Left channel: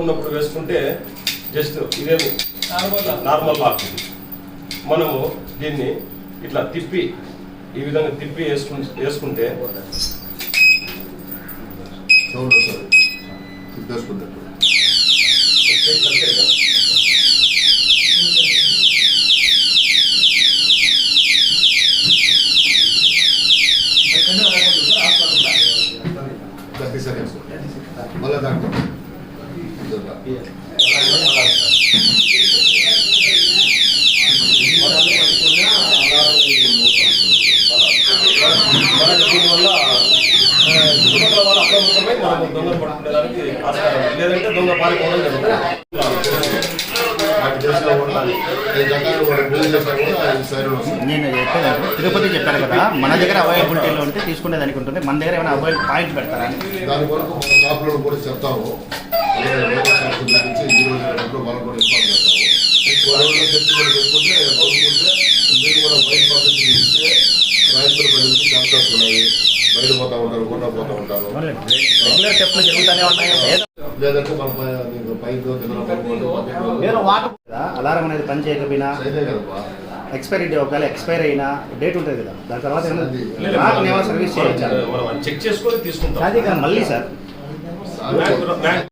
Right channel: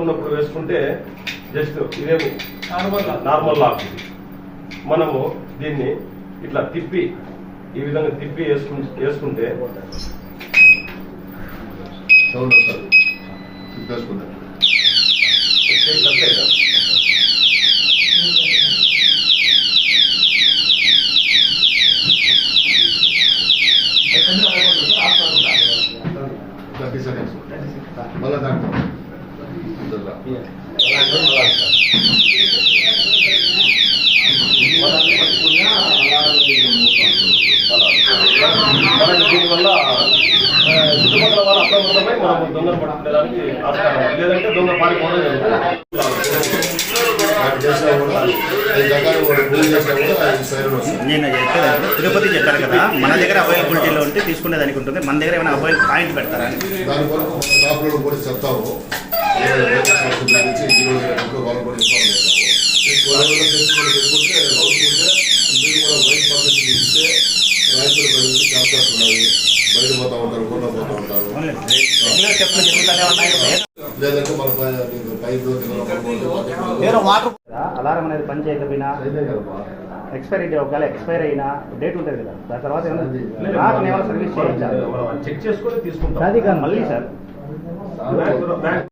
ఉన్నప్పుడు వేసుకుంటే జస్ట్ ఇదే నార్మల్ లాక్. మనము దీన్ని ఇట్లా తిప్పి ఈ విధంగా తిప్పి వేసుకుంటే సౌండ్ వస్తుంది. తిప్పేసుకుంటారు మళ్ళీ దాంట్లో మనకి దీనివల్ల చుట్టుపక్కల వాళ్ళు అప్రమత్తమై మనం దొంగలు పట్టుకునేదానికి ఆస్కారం, లేదంటే దొంగ పారిపోవడం జరుగుతుంది. నేను చెప్పేదాన్ని తిరుపతి చెప్పారు కదా, మన దగ్గర అవైలబిలిటీలో ఉంటే తీసుకునేదానికి ఉంటుంది. మన దగ్గర ఏమైనా అవైలబుల్ పాయింట్ పెడతారని దాని వరకు షాప్లో కూడా చెప్తాము. వాళ్ళు కూడా ఇన్ఫార్మ్ చేస్తాము. పెట్టుకుంటే మీరు కూడా బయట పద్ధతి ఇస్తే రైతులు బయట ఛాన్సెస్ ఉన్నాయి. బయట పోతా ఉంటారు, కూడా పోతూ ఉంటారు. లేదంటే మన పైపు అలారం అనేది పని చేయకపోయినా ఎక్స్పైరీ ఒకవేళ ఎక్స్పైర్ అయినా డేట్ ఉంటుంది కదా, దాని తర్వాత సర్వీస్ చెక్ చేసుకొని తీసుకుంటాం. మళ్ళీ సార్